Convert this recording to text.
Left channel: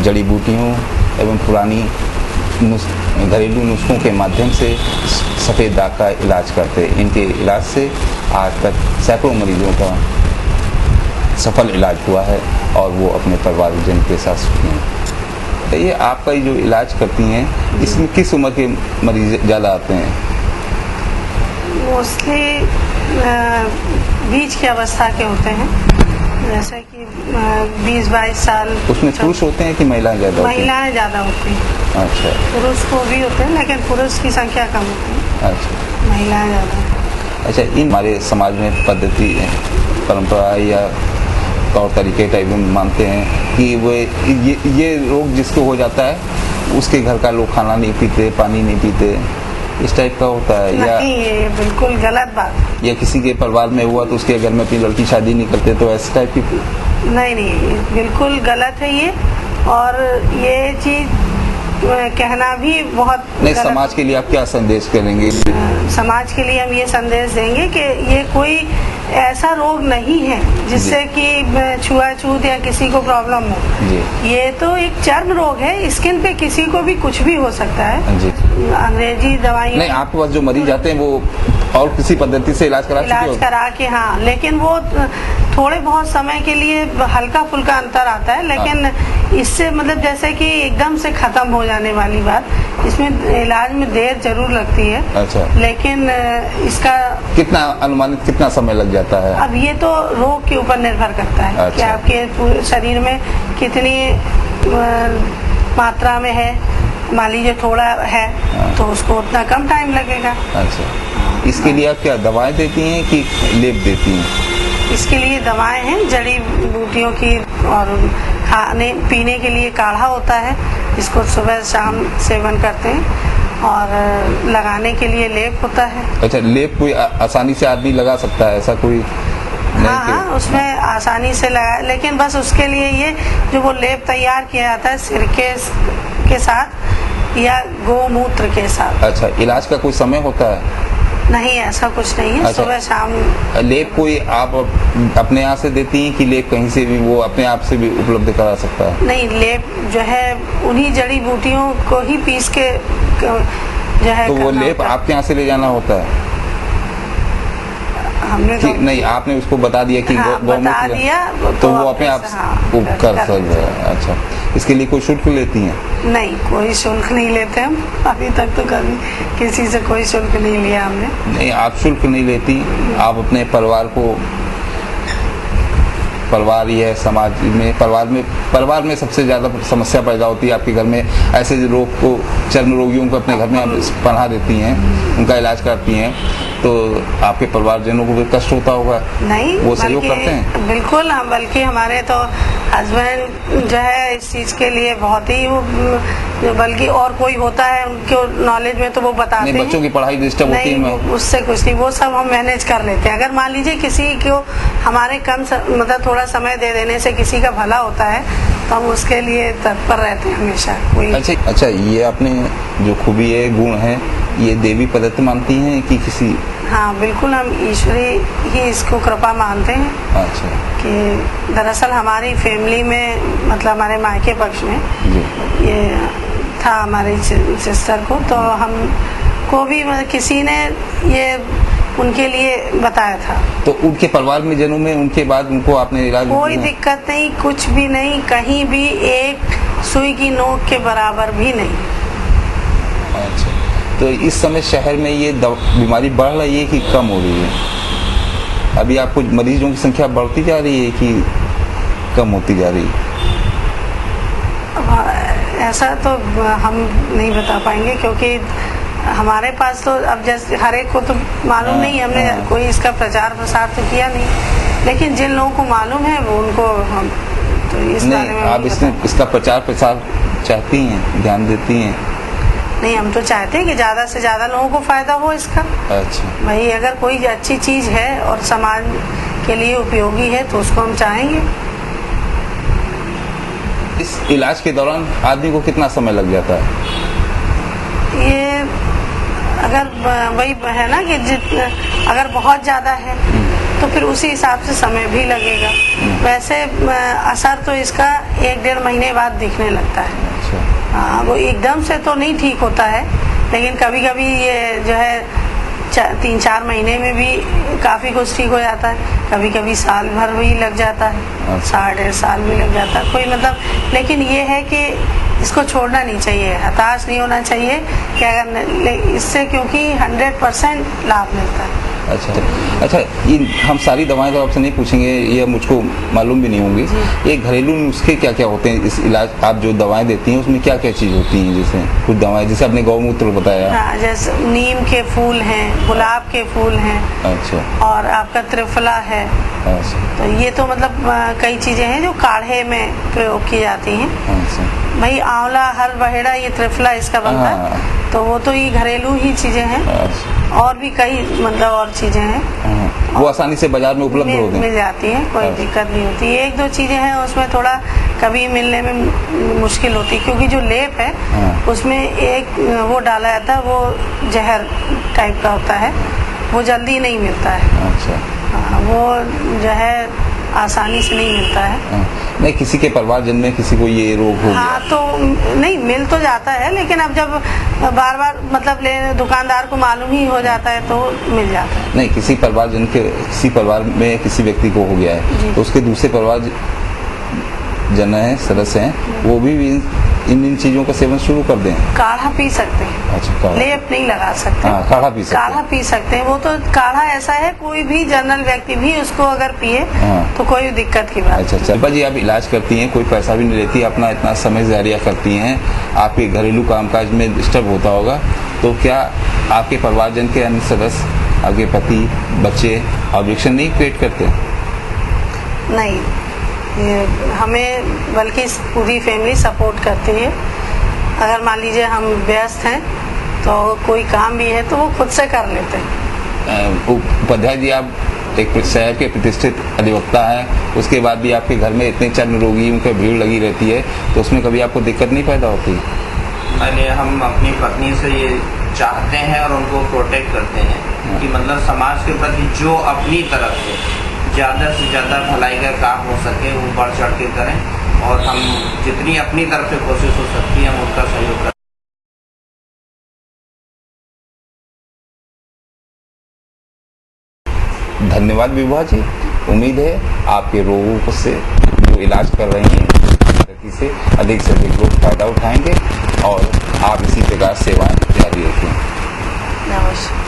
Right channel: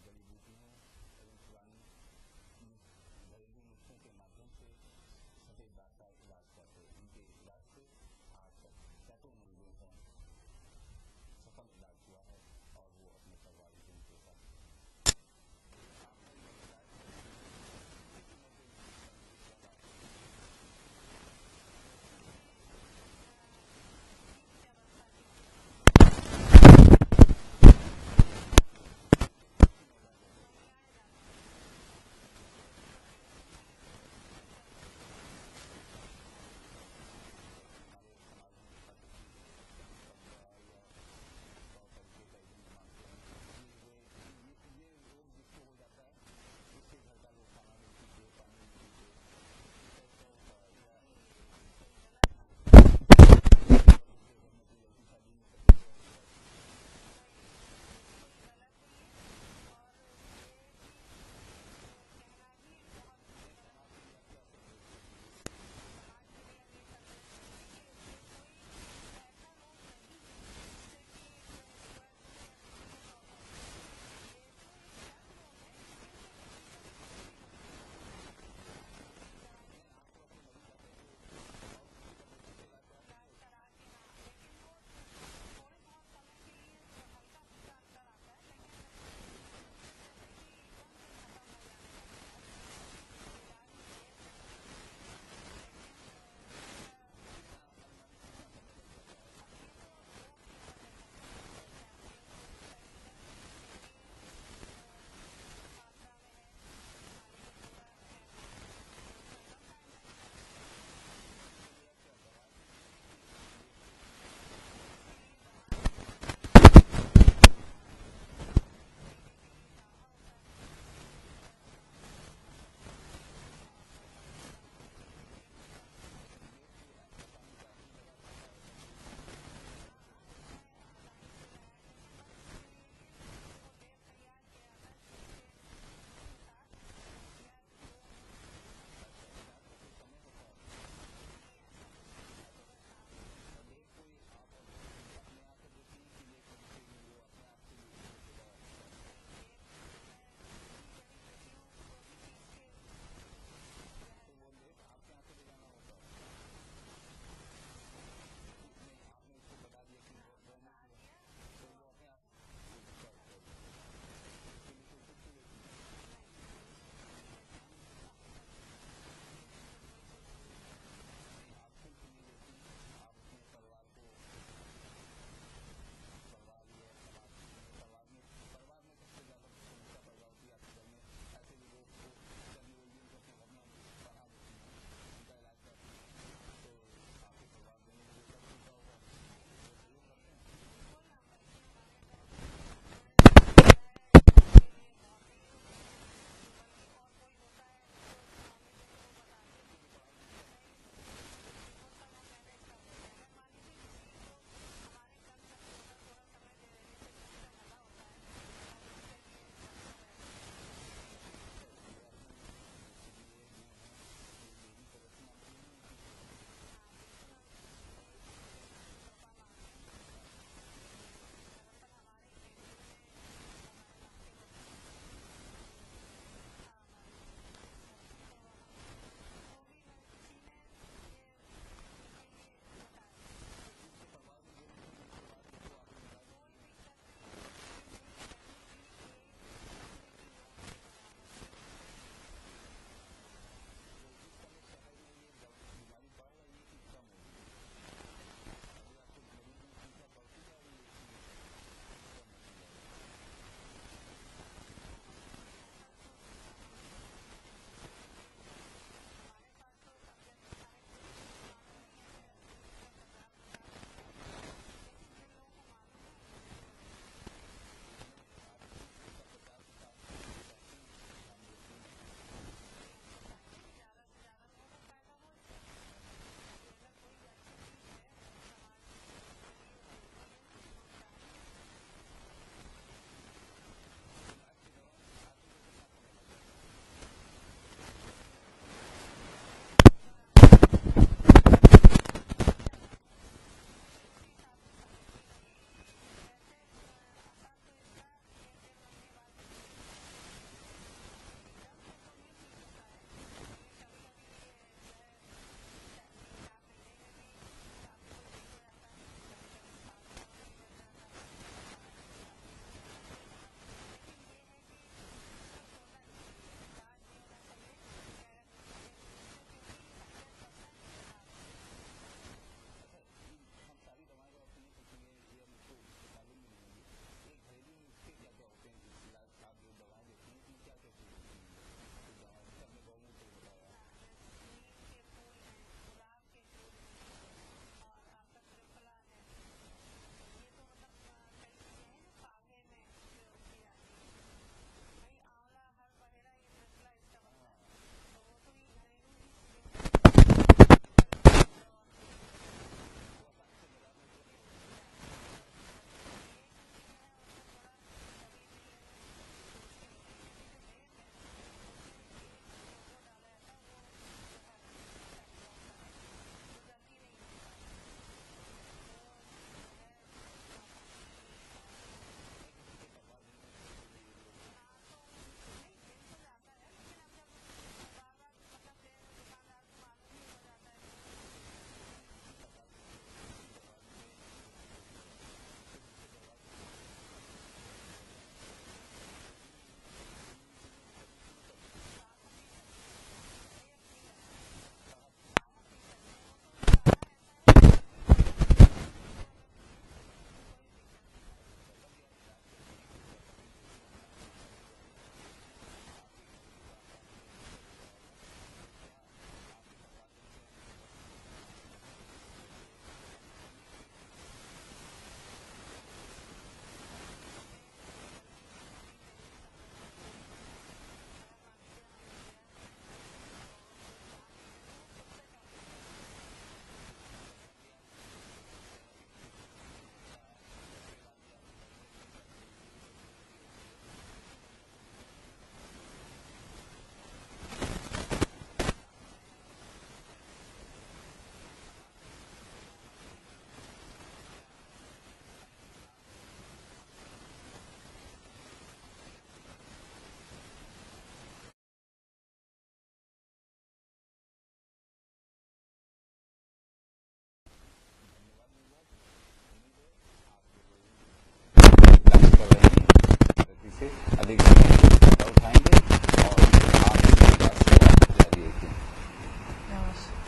जड़ी बूटियों एवं पुरानी घरेलू नुस्खों के माध्यम से सफ़ेद दाग का इलाज करते हैं। इनके इलाज से आज तक सैकड़ों मरीजों का सफल इलाज हुआ है और वो अपने परिवारजन के साथ सुखी हैं। तो ये आपका जो इलाज करती हैं, इसमें किस उम्र के मरीज ज़्यादा आते हैं? मोस्टली बीच की अवस्था के होते हैं, जैसे कि 20-22 साल। उसमें पुरुष होते हैं कि महिलाएं ज़्यादा होती हैं? महिलाएं ज़्यादा होती हैं। अच्छा। पुरुष को भी होते हैं, लेकिन पुरुष की संख्या कम होती है। अच्छा। महिलाएं ज़्यादा। अच्छा, इन हमारे समाज में पद्धति परंपरा या तौर तरीके टाइप में मानते हैं कि वो ये रोग जिसको हो जाता है उसके घर का लोग खाना नहीं पीते, पानी नहीं पीते, इस टाइप का होता है? या नहीं, ये बिल्कुल गलत बात। या किसी के परिवार में हुआ तो उसके घर में अपनी लड़की शादी नहीं करते, तो ऐसे टाइप की? नहीं, बिल्कुल गलत है ये। और ये चीज कहना भी बहुत नहीं। गलत। समाज के लिए आप क्या संदेश करेंगे? समाज के लिए हम ये संदेश देंगे कि ये कोई ऐसा रोग नहीं है जिससे कि छुआछूत या किसी को प्रॉब्लम हो। ये तो एक चर्म रोग है, स्किन पे किसी को भी कुछ भी हो सकता है। जी। अंग्रेजी दवाई नहीं, आपके पास जो मरीज आते हैं वो और किसी पद्धति से इलाज करा के, हाँ, लेकिन वो थोड़े बहुत समय के लिए हल्का फुल्का अंतर आता है, लेकिन इससे मतलब जैसे कि एकदम से खत्म हो जाने वाली बात, इसमें इलाज में देर जरूर लगती है। अच्छा। लेकिन इसका कितना अनुमानित कितना समय लग जाता है? अब ये तो रोग के ऊपर निर्भर करता है। अच्छा। कि आपके पूरे शरीर में कितनी मात्रा में है। मान लीजिए थोड़ा है तो उसको उतना कम टाइम लगेगा। अच्छा। इसके लिए आप क्या दवाएं देती हैं कि लेप देती हैं? इसके लिए दवाएं हैं, जड़ी बूटियों की, और खाने पीने के लिए काढ़ा होता है, इसको सुबह शाम सेवन करते हैं, और लगाने के लिए लेप होता है। अच्छा, लेप कोई आसानी से आदमी लगा सकता है, ऐसा कोई? हाँ, उसमें आसानी से लगा, लेकिन बस उसके लिए ये जो वो लेप तैयार किया जाता है सिरके के साथ या गोमूत्र के साथ। अच्छा, इलाज का कोई समय होता है? नहीं, ऐसा कुछ नहीं है। अच्छा। सुबह शाम लेप कोई आप अपने यहाँ से देती हैं कि लेप कहीं से भी वो अपने आप से भी उपलब्ध करा सकता है? नहीं, लेप जो है उन्हीं जड़ी बूटियों को ही पीस के जो है। तो वो लेप आपके यहाँ से ले जाना होता है? हमने तो नहीं, आपने उसको बता दिया कि बता दिया तो वो अपने आप कर सकते हैं। अच्छा, इसके लिए कोई शुल्क लेती हैं? नहीं, कोई शुल्क नहीं लेते हम। अभी तक तो कभी किसी से कोई शुल्क नहीं लिया हमने। नहीं, आप शुल्क नहीं लेती, आप अपने परिवार ही है, समाज में परिवार में सबसे ज़्यादा समस्या पैदा होती है आपके घर में। ऐसे रोग को, चर्म रोगियों को अपने घर में आप पनाह देती हैं, उनका इलाज करती हैं, तो आपके परिवारजनों को भी कष्ट होता होगा? नहीं, वो सहयोग करते हैं? बिल्कुल। हम बल्कि हमारे तो हस्बैंड जो है इस चीज के लिए बहुत ही बल्कि और कोई होता है उनके नॉलेज में तो वो बताते हैं। बच्चों की पढ़ाई डिस्टर्ब होती है? उससे कुछ नहीं, वो सब हम मैनेज कर लेते हैं। अगर मान लीजिए किसी को हमारे मतलब थोड़ा समय दे देने से किसी का भला होता है तो हम उसके लिए तत्पर रहते हैं हमेशा। कोई अच्छा, ये आपने जो खूबी है, गुण है, ये देवी पद्धति मानती हैं कि किसी? हाँ, बिल्कुल, हम ईश्वरी ही इसको कृपा मानते हैं। अच्छा। कि दरअसल हमारी फैमिली में, मतलब हमारे मायके पक्ष में ये था हमारी सिस्टर को, तो हमको भी किसी ने ये उनके लिए बताया था। तो उनके परिवार में जनों में उनके बाद उनको आपने इलाज? कोई दिक्कत नहीं, कुछ भी नहीं, कहीं भी एक सुई की नोक के बराबर भी नहीं। अच्छा, तो इस समय शहर में ये बीमारी बढ़ रही है कि कम हो रही है? अभी आपको मरीजों की संख्या बढ़ती जा रही है कि कम होती जा रही है? ऐसा तो हम नहीं बता पाएंगे, क्योंकि हमारे पास तो अब जैसे हर एक को तो मालूम नहीं, हमने कोई इसका प्रचार प्रसार तो किया नहीं, लेकिन जिन लोगों को मालूम है वो उनको हम तो इस बारे में आप इसका प्रचार प्रसार चाहती हैं, ध्यान देती हैं? नहीं, हम तो चाहते हैं कि ज्यादा से ज्यादा लोगों को फायदा हो इसका। अच्छा। भाई, अगर कोई अच्छी चीज है और समाज के लिए उपयोगी है तो उसको हम चाहेंगे। इस इलाज के दौरान आदमी को कितना समय लग जाता है? ये अगर वही है ना कि अगर बहुत ज्यादा है तो फिर उसी हिसाब से समय भी लगेगा। वैसे असर तो इसका 1-1.5 महीने बाद दिखने लगता है। अच्छा। हाँ, वो एकदम से तो नहीं ठीक होता है, लेकिन कभी कभी ये जो है 3-4 महीने में भी काफ़ी कुछ ठीक हो जाता है, कभी कभी साल भर भी लग जाता है, 1.5 साल भी लग जाता है, कोई मतलब। लेकिन ये है कि इसको छोड़ना नहीं चाहिए, हताश नहीं होना चाहिए कि अगर इससे, क्योंकि 100% लाभ मिलता है। अच्छा, ये हम सारी दवाएं तो आपसे नहीं पूछेंगे, ये मुझको मालूम भी नहीं होंगी। ये घरेलू नुस्खे क्या क्या होते हैं इस इलाज, आप जो दवाएं देती हैं उसमें क्या क्या चीज़ होती हैं? जैसे कुछ दवाएं, जैसे आपने गौमूत्र बताया। हाँ, जैसे नीम के फूल हैं, गुलाब के फूल हैं। अच्छा। और आपका त्रिफला है। अच्छा। तो ये तो मतलब कई चीज़ें हैं जो काढ़े में प्रयोग की जाती हैं। अच्छा। भाई आंवला, हर बहेड़ा, ये त्रिफला इसका बनता है, तो वो तो ये घरेलू ही चीज़ें हैं। और भी कई मतलब और चीजें हैं, वो आसानी से बाजार में उपलब्ध होते हैं, मिल जाती हैं, कोई दिक्कत नहीं होती। 1-2 चीजें हैं उसमें थोड़ा कभी मिलने में मुश्किल होती है, क्योंकि जो लेप है उसमें एक वो डाला जाता है, वो जहर टाइप का होता है, वो जल्दी नहीं मिलता है। अच्छा। वो जो है आसानी से नहीं मिलता है। नहीं, किसी के परिवारजन में किसी को ये रोग हो गया। हाँ, तो नहीं मिल तो जाता है, लेकिन अब जब बार बार मतलब दुकानदार को मालूम ही हो जाता है तो मिल जाता है। नहीं, किसी परिवारजन के, किसी परिवार में किसी व्यक्ति को हो गया है तो उसके दूसरे परिवार जन है, सदस्य हैं, वो भी इन चीजों का सेवन शुरू कर दें। काढ़ा पी सकते हैं। अच्छा, लेप नहीं लगा सकते। हाँ, काढ़ा पी सकते हैं। काढ़ा पी सकते हैं। वो तो काढ़ा ऐसा है, कोई भी जनरल व्यक्ति भी उसको अगर पिए तो कोई दिक्कत की बात। अच्छा। शिल्पा जी, आप इलाज करती हैं, कोई पैसा भी नहीं लेती, अपना इतना समय जारिया करती हैं, आपके घरेलू कामकाज में डिस्टर्ब होता होगा, तो क्या आपके परिवारजन के अन्य सदस्य, आपके पति, बच्चे ऑब्जेक्शन नहीं क्रिएट करते? नहीं, हमें बल्कि पूरी फैमिली सपोर्ट करती है। अगर मान लीजिए हम व्यस्त हैं तो कोई काम भी है तो वो खुद से कर लेते हैं। उपाध्याय जी, आप एक शहर के प्रतिष्ठित अधिवक्ता हैं, उसके बाद भी आपके घर में इतने चर्म रोगियों की भीड़ लगी रहती है, तो उसमें कभी आपको दिक्कत नहीं पैदा होती? पहले हम अपनी पत्नी से ये चाहते हैं और उनको प्रोटेक्ट करते हैं कि मतलब समाज के प्रति जो अपनी तरफ से ज़्यादा भलाई का काम हो सके वो बढ़ चढ़ के करें, और हम जितनी अपनी तरफ से कोशिश हो सकती है हम उसका सहयोग करें। धन्यवाद विभा जी, उम्मीद है आपके रोगों से जो इलाज कर रहे हैं से अधिक लोग फायदा उठाएंगे और आप इसी प्रकार सेवाएं जारी रखें। नमस्कार।